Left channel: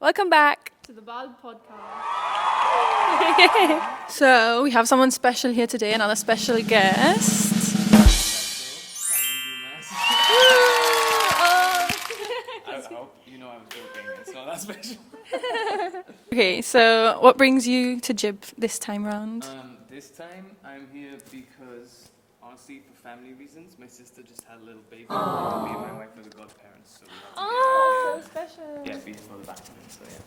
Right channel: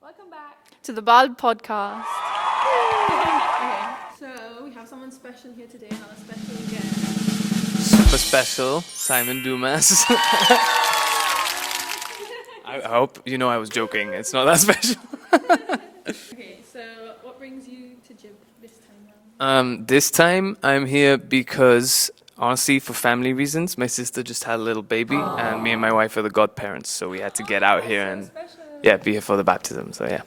Welcome back to the Bald Podcast. So we have someone special here today, another special guest. Super special, Simon Dumas. I hope you know I was joking. It's not that special. Okay, so what brings you to Gib this time round? This time I'm here because, honestly, for family reasons, my sister just had a little baby, and me and my wife are the godparents, so we had to get out here and be here for the baptism. So yeah.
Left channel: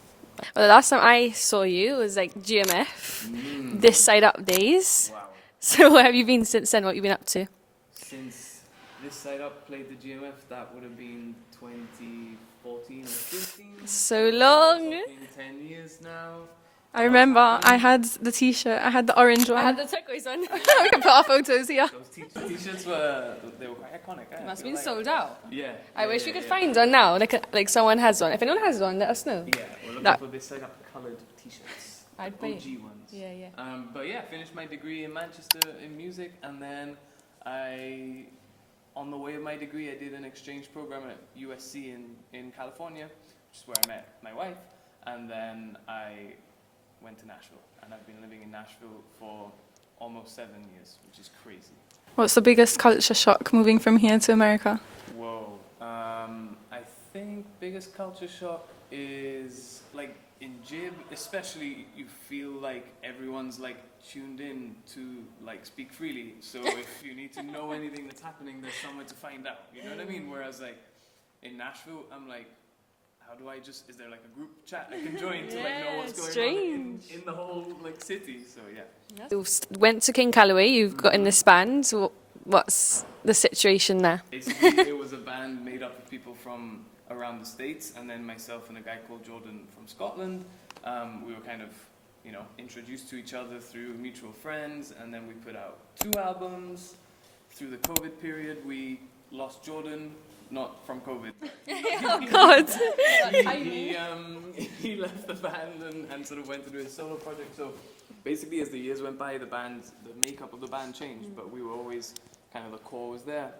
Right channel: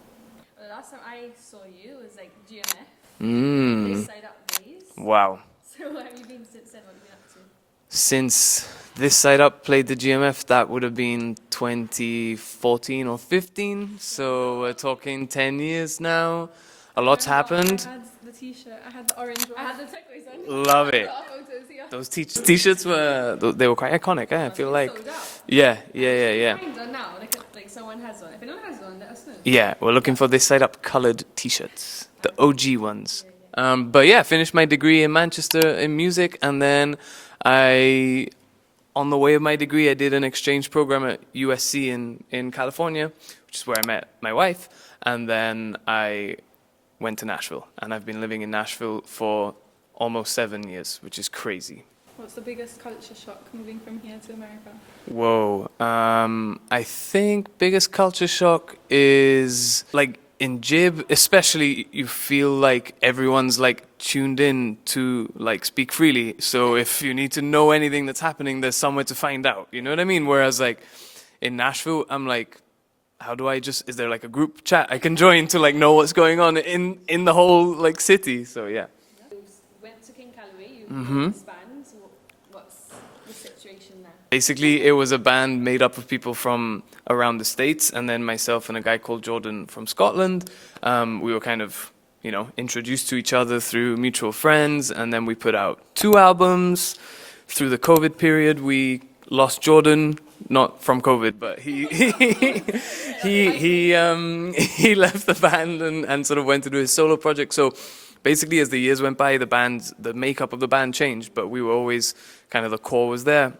Well, the last time I saw you was like GMF, This Side Up days. Wow. So where have you been since then? What have you been up to? Since This Side Up played the GMF, that would have been 2014 or 15. So long. We're talking 10 years now. I lot's remember happened. I had the t-shirt, I had the orange one. I had the turquoise one. Love We it. put our photos here. Those t-shirts were quite iconic. I feel like sold out. yeah. I wish you could find one now. Like someone has one. If anyone has one, let us know. Yeah, we're looking That- for This Side Up colored t-shirts, the OG ones. Yeah. But yeah, finished my degree in Manchester in music, and then on the way of my degree, I did an exchange program at USC in California, which is where I met my wife, and then I went to Nashville, and I've been living in Nashville for almost 7 years, which is crazy. What's the biggest culture shock moving from here to America? Whoa. I think biggest culture shock is like in Gib, especially you feel like everyone's like tuned in to like speak freely. So if you need to know anything that's happening, there's somewhere to find out. You know what I mean? Whereas like in Nashville, I'm like, how do I is there like a group chat I can join to like know what's going on in the whole like city? So yeah. You went to King Calloway. You've got in this band. So what's the situation there? Basically, it was a band made up of people from around the States, and then myself and a guy called Jordan from Scotland. We were kind of, introduced to each other through mutual friends, and then we put out 2 albums. Through the COVID period, we lost Jordan, not from COVID, but he left the band and sort of went to do his solo project. So basically, as the years went by, the makeup of the band changed, but we were always kind of the core was there.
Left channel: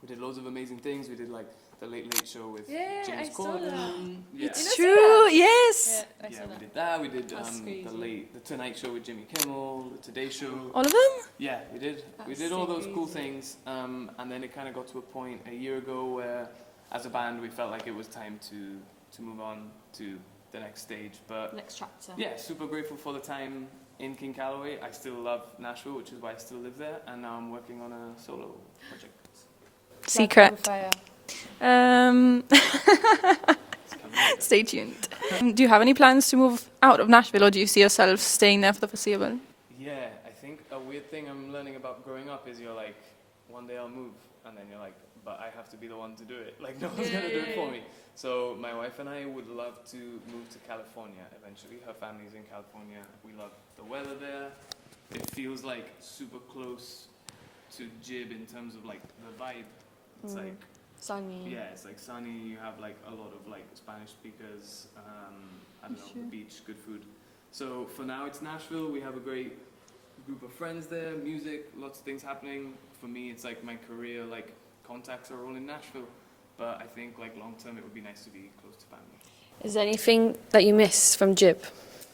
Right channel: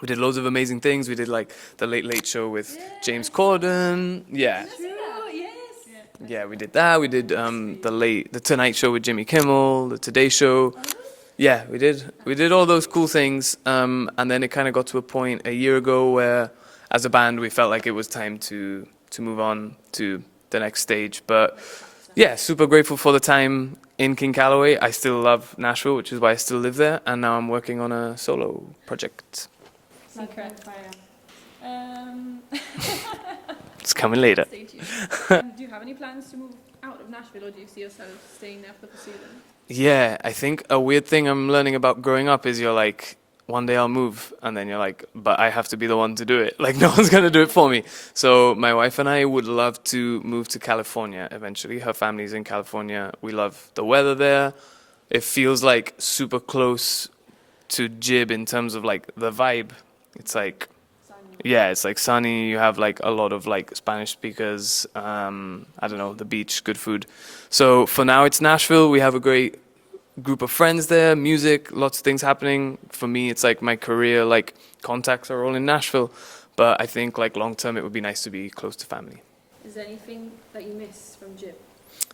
We did loads of amazing things. We did like the Late Late Show with James Corden. Yeah. It's true, yes. Yeah, we did that. We did the Tonight Show with Jimmy Kimmel, the Today Show. All of them? Yeah, we did. We did all those cool things. And then it kind of got to a point a year ago where, as a band, we felt like it was time to move on to the next stage. But yeah, super grateful for the time in King Calloway. I still love Nashville, which is why I still live there. And now I'm working on a solo project. Secret. It's coming later. Stay tuned. Do you have any plans to move out of Nashville, or do you see yourself staying there for the foreseeable? Yeah, I think a weird thing I'm learning about growing up is you're like, one day I'll move, and then you're like, but I have to be the one to do it. Like, no one's going to do it for me. So my wife and I would love to move to California eventually. Her family's in California. We love the weather there. It feels like super close to Gib in terms of like the vibe. It's like, Sunny. yeah, it's like sunny. You have like a lot of like Spanish speakers. I don't know, the beach, good food. So for now, it's Nashville. We have a great group of friends there, music, lots of things happening. For me, it's like my career, like contacts are all in Nashville. But I think like long term, it would be nice to be close to family. Is there anything that you miss from Gib?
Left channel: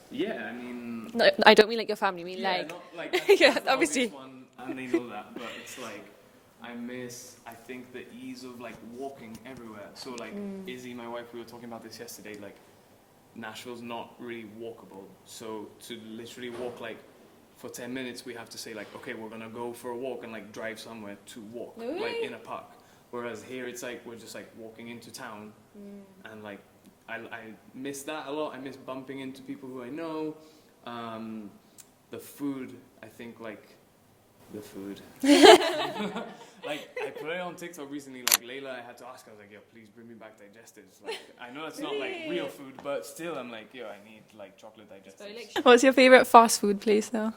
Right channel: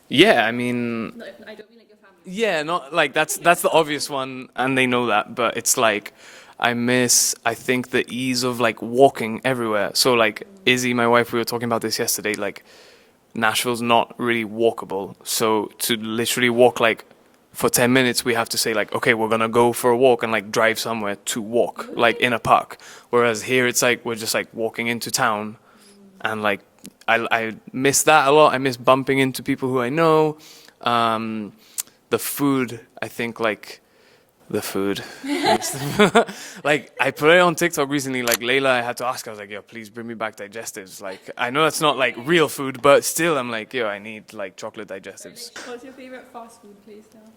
Yeah, I mean, No, I don't mean like your family. I mean yeah, like, not like that's Yeah, the obvious obviously. one, and they know that. But it's like I think the ease of like walking everywhere. So like Izzy, my wife, we were talking about this yesterday. Like Nashville's not really walkable. So to literally walk like for 10 minutes, we have to say like, okay, we're gonna go for a walk and like drive somewhere to walk, like in a park. Whereas here, it's like we're just like walking into town, and like I miss that a lot. I miss bumping into people who I know. The food, I think like. The food. Like, I put it on TikTok recently, like, Layla, I had to ask, I was like, yo, please bring me back digestives. Like, I know that's not, like, real food, but still, I'm like, yo, I need, like, chocolate digestives. What's your favorite fast food place, though?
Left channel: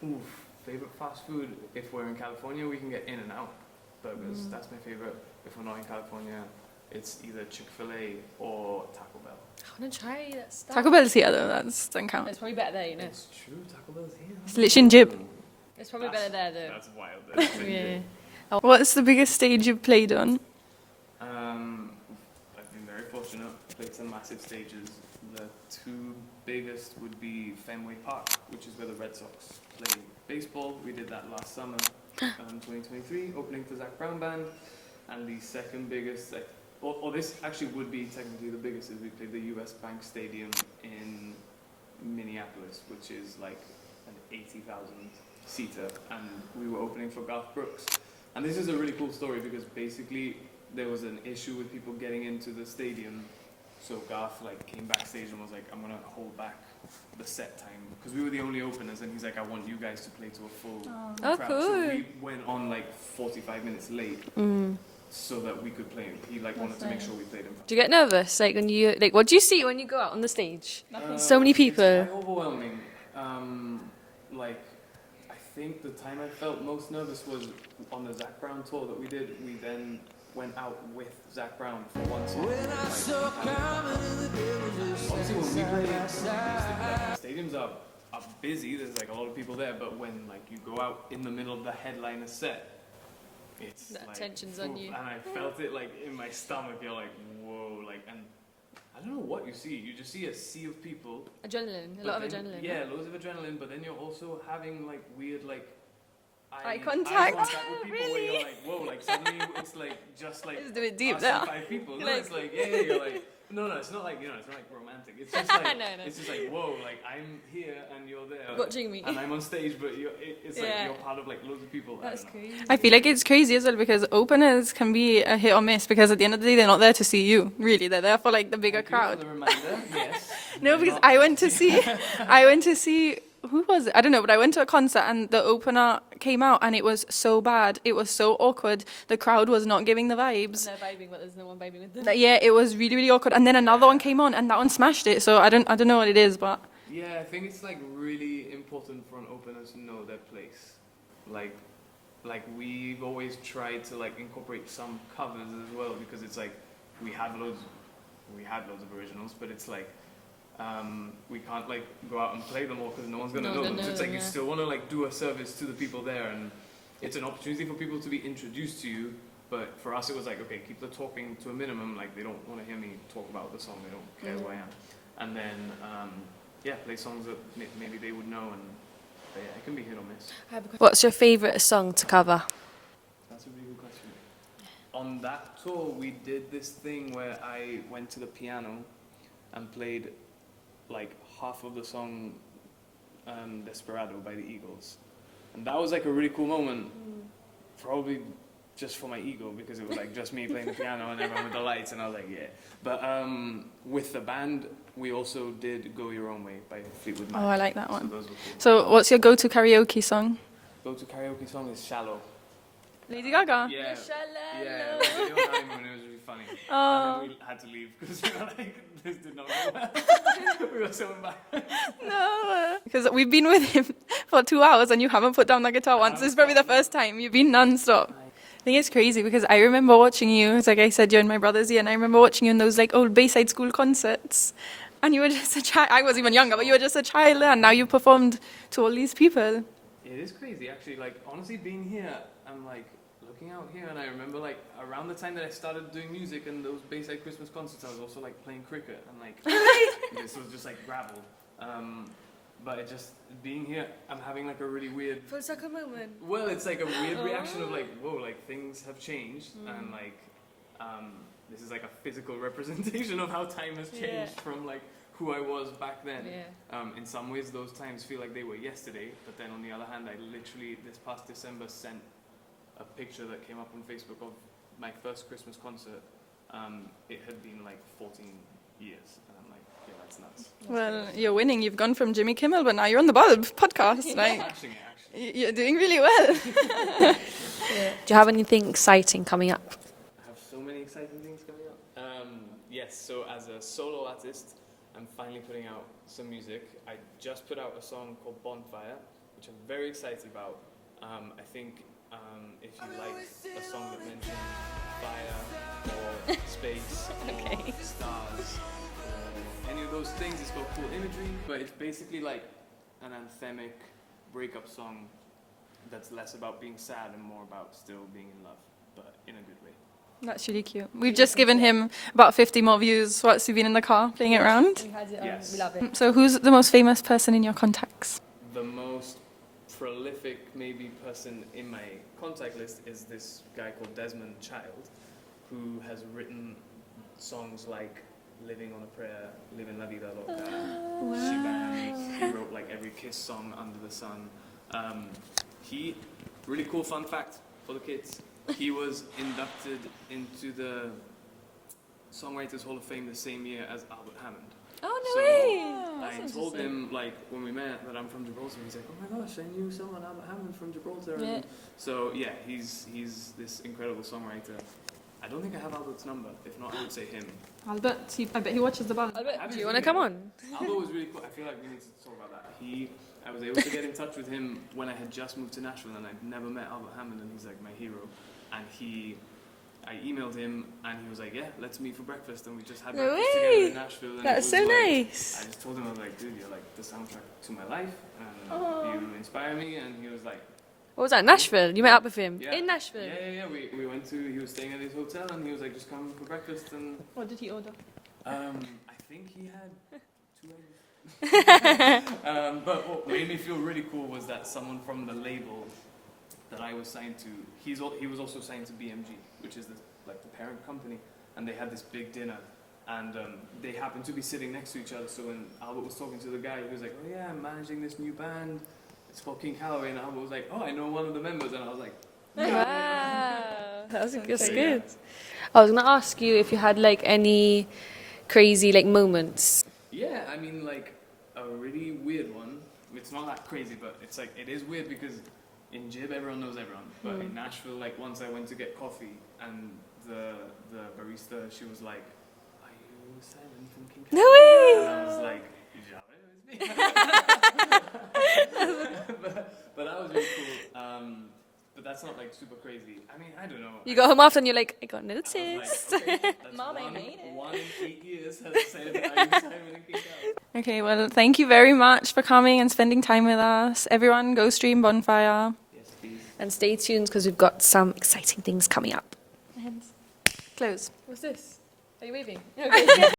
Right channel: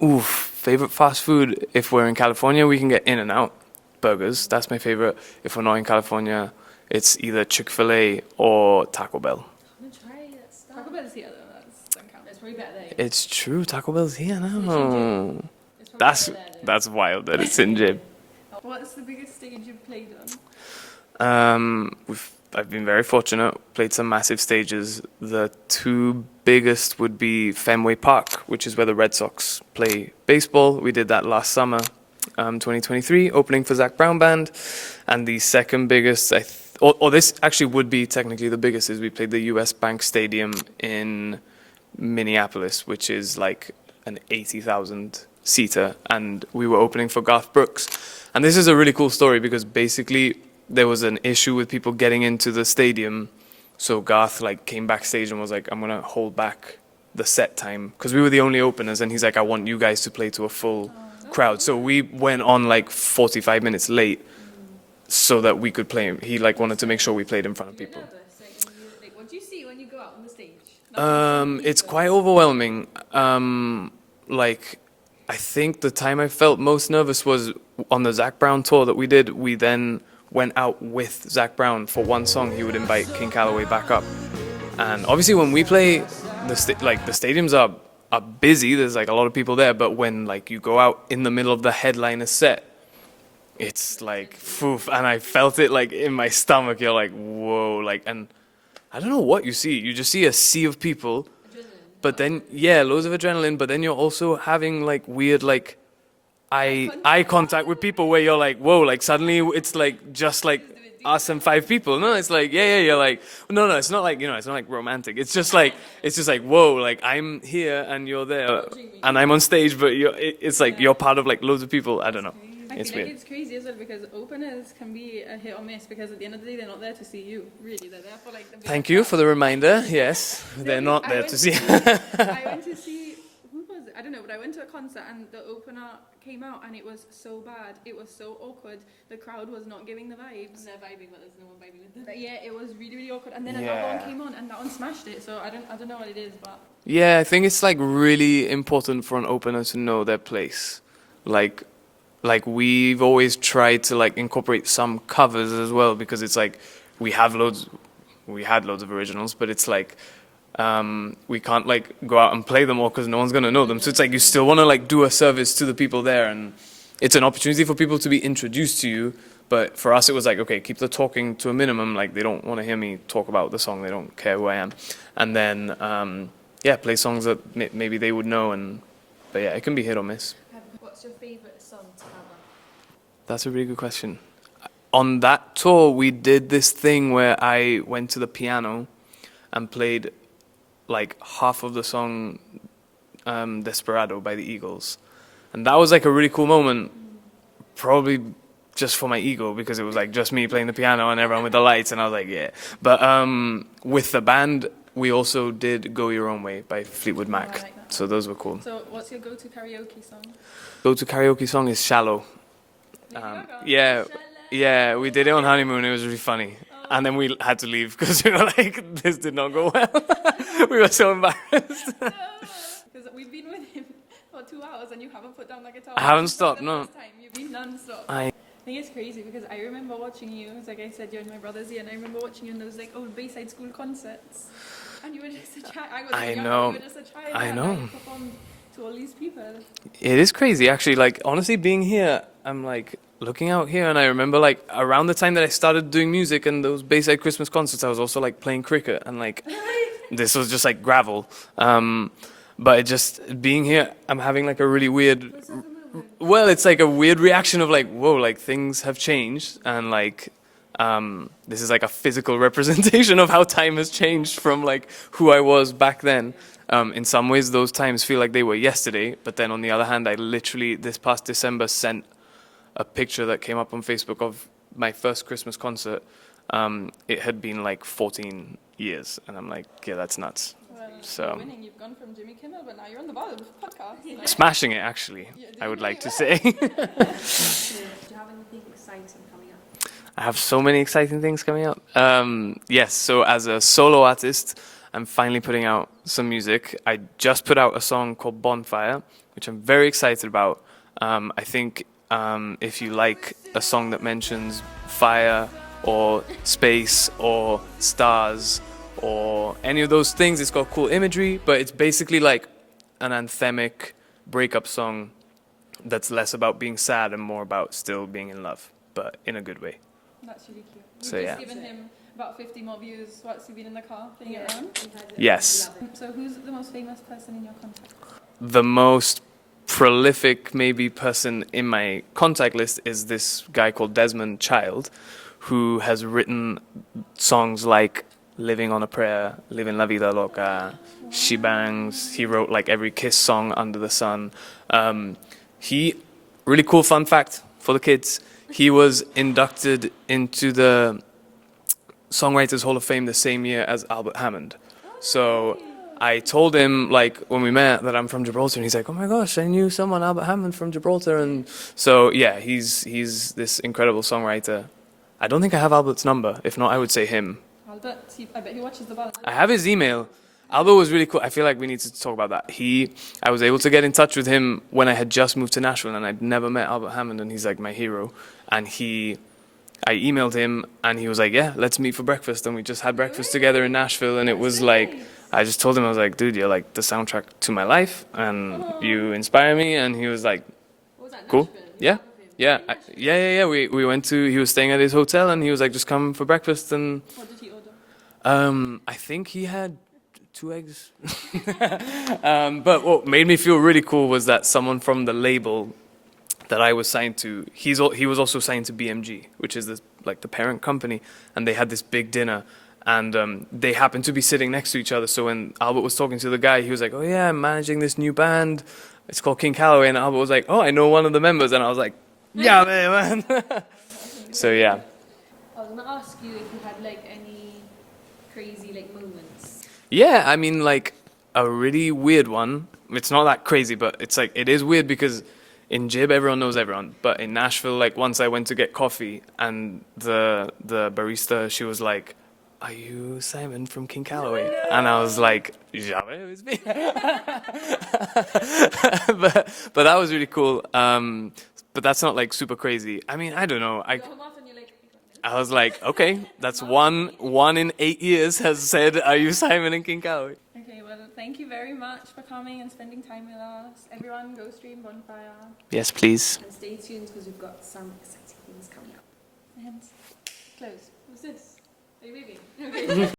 Oof, favorite fast food? If we're in California, we can get In-N-Out burgers. That's my favorite. If we're not in California, it's either Chick-fil-A or Taco Bell. I want to try that stuff. Taco Bell's here, though. That doesn't count. It's probably better there. You know? It's true, Taco Bell's here now. It's literally in Gib. It's probably That's, better there, though. that's wild that it's in Gib. What's the biggest stage you've played on? We've I've been very fortunate. Played some massive stages. The two biggest would be Fenway Park, which is where the Red Sox play baseball. We did that last summer, 2023, opening for Zach Brown Band. And the second biggest, or this actually would be technically the biggest, is we played the US Bank Stadium in Minneapolis, which is like an 80,000 seater, and we were opening for Garth Brooks. And this is a really cool story because basically there was an issue with people getting into the stadium, so Garth like came backstage and was like, I'm gonna hold back the set time because we were the only openers, and he's like, I want you guys to play to a full crowd. cool. So we went on like 45 minutes late so that we could play. He like wanted to make sure we played in front Do of you get people. nervous? Like when you like, what do you see when you go out on the stage? So many people. It's quite overwhelming. Like, I think the time I felt most nervous was on the Zach Brown tour that we did. We then went out with Zach Brown for one song. He would invite King Calloway back up, and obviously when we play, the stadiums are busy. There's like a lot of people there, but when like you go out in the middle of the headliner set, it's like poof, and I felt it like in my stomach. You're like, whoa, like, and I don't know what you see. You just see a sea of people. Adrenaline. But then, yeah, loads of adrenaline. But then you're also having like weird like eye contact with people where you're like, whoa, like suddenly it's like just like It's a bit deep us and now. 5 people. No, it's like yeah. You're like no, it's not like it's not like romantic. It's just like No. it's just like whoa, like I'm here and you're there, Watching me. and I'm on stage, but it's like Yeah. you're part of like loads of people. I don't know. I feel like weird. it's crazy as well because openers can be a hit or miss because at the end of the day they're not there to see you. Really, they're there for like the bigger Thank you crowd. for the reminder. Yes, No, they're because not I there went to see. I went to see. Who was it? I don't know, but I went to a concert and the opener came out and it was so bad. It was so awkward. The crowd was not giving the vibes. They're vibing, but there's no one vibing with them. Yeah, it was really, really awkward. And then another one came on and that one smashed it. So I don't know what it is, but Yeah, I think it's like really important for an opener to know their place. Like we've always tried to like incorporate some covers as well because it's like we had loads of originals, but it's like we can't like go out and play them all because no one's gonna know them. So it's like you still want to like do a service to the people there, and it's an opportunity for people to be introduced to you. But for us, it was like, okay, keep the talking to a minimum. Like they don't want to hear me talk about the song. They don't care who I am, and then play songs that maybe they would know. But yeah, it can be hit or miss. What's your favourite song to cover? That's a really good question. On that tour, we did this thing where I went to the piano and played like half of the song Desperado by the Eagles. And that was like a really cool moment, probably just for my ego because it was like just me playing the piano and everyone with the lights, and I was like, yeah. But with the band, we also did Go Your Own Way by Fleetwood Mac. I like that So one. those were cool. So what's your go-to karaoke song? Go-to karaoke song is Shallow. Lady Gaga? Yeah, we did it on honeymoon. It was really funny. And then we had to leave because we were like, this did not go well. We were so embarrassed. Because we've been with him for 2 hours and you haven't put down the guitar once. haven't This is probably the stopped, no. first time. You've been non-stop. I I think it's crazy because I remember watching you. It's like I said, you're in my brother's year, and I remember watching you in those like old Bayside School concerts. And you were just a child. I was even younger, but you were just a child I there. And now know. you performed to all these people. It is crazy, actually. Like, honestly, being here, I'm like looking out here, and I remember like around the time that I started doing music and those Bayside Christmas concerts, I was also like playing cricket, and like this was just like gravel. But it just being here, I'm having like a really weird. Well, it's like a weird reaction of like, whoa, like things have changed, and like this is like a physical representation of how time has changed from like who I was back then. In some ways, those times feel like they were yesterday, but then on the other hand, I literally this past December sent a picture that came up on Facebook of my first Christmas concert. It had been like 14 years, and I'm like, yeah, that's nuts. Well, So- you're winning. You've gone from Jimmy Kimmel, but now you're on the Bulb podcast. Like, Smashing it, actually. You're I doing would really like to say. Do you have anything exciting coming up? I have so many exciting things coming up. Yes, so as a solo artist, I'm finally putting out some music. I just put out a song called Bonfire, which I'm very excited about. I think if you like a song that mentions fire or space or stars or any of those things, it's got cool imagery, but it's basically like an anthemic breakup song that's less about being sad and more about still being in love, but in a good way. That's really cute. We've So, just yeah. given him about 50 more views whilst we've been in the car playing it around. Yes. So who's the most famous person in your contacts? The most prolific maybe person in my contact list is this guy called Desmond Child, who has written songs like Living on a Prayer, Living La Vida Loca, She Bangs. He wrote like every Kiss song under the sun. Really cool fun fact for the kids, he was inducted into the Songwriters Hall of Fame the same year as Albert Hammond. So I told him, like, when we met, that I'm from Gibraltar, and he's like, oh my gosh, I knew someone, Albert Hammond from Gibraltar. And so, yeah, he's this incredible songwriter. I don't think I have Albert's number. If not, I would say him. Albert, I bet he watches the band. I have his You wanna come email. on? Albert was really cool. I feel like we need to talk about that. I was able to get in touch with him when I had just moved to Nashville, and I'd never met Albert Hammond, and he's like my hero. And I emailed him, and he was like, yeah, let's meet for breakfast. And we just had breakfast together in Nashville, and it That's was so like, nice. I just told him, I was like, dude, you're like the soundtrack to my life, and you inspire me. And he was like, What was that, Cool. Nashville? You met Yeah. up with him? yeah, In Nashville? yeah. We went he was staying at his hotel, and he was like, just come for breakfast. And What did he order? I think he had 2 eggs. But what made me feel really cool was that someone from the label that I was signed to, he was also signed to BMG, which is the parent company, and they had this big dinner, and they happened to be sitting next to each other. So when Albert was talking to the guy, he was like, oh yeah, I'm managing this new band. It's called King Calloway, and Albert was like, oh, I know one of the members, and I was like, yeah, man. So yeah. I was gonna ask you if you had like any crazy like moments. Yeah, I mean, like, a really weird one. It's not that crazy, but it's like, it is weird because in Jib, everyone knows everyone. But in Nashville, like, once I went to get coffee, and the barista, she was like, are you Simon from King Calloway? And I was like, yeah, it's me. but that was really cool. But that's not, like, super crazy. I mean, I don't know. You got home after and you're like, I got noticed. I was like, okay, that's one in 8 years has said, are you Simon and King Calloway? Okay, well, thank you very much for coming and spending time with us. Everyone, go stream Bonfire. Yes, please. And stay tuned because we've got some exciting things coming up. Close. What's this? Are you waving? Okay.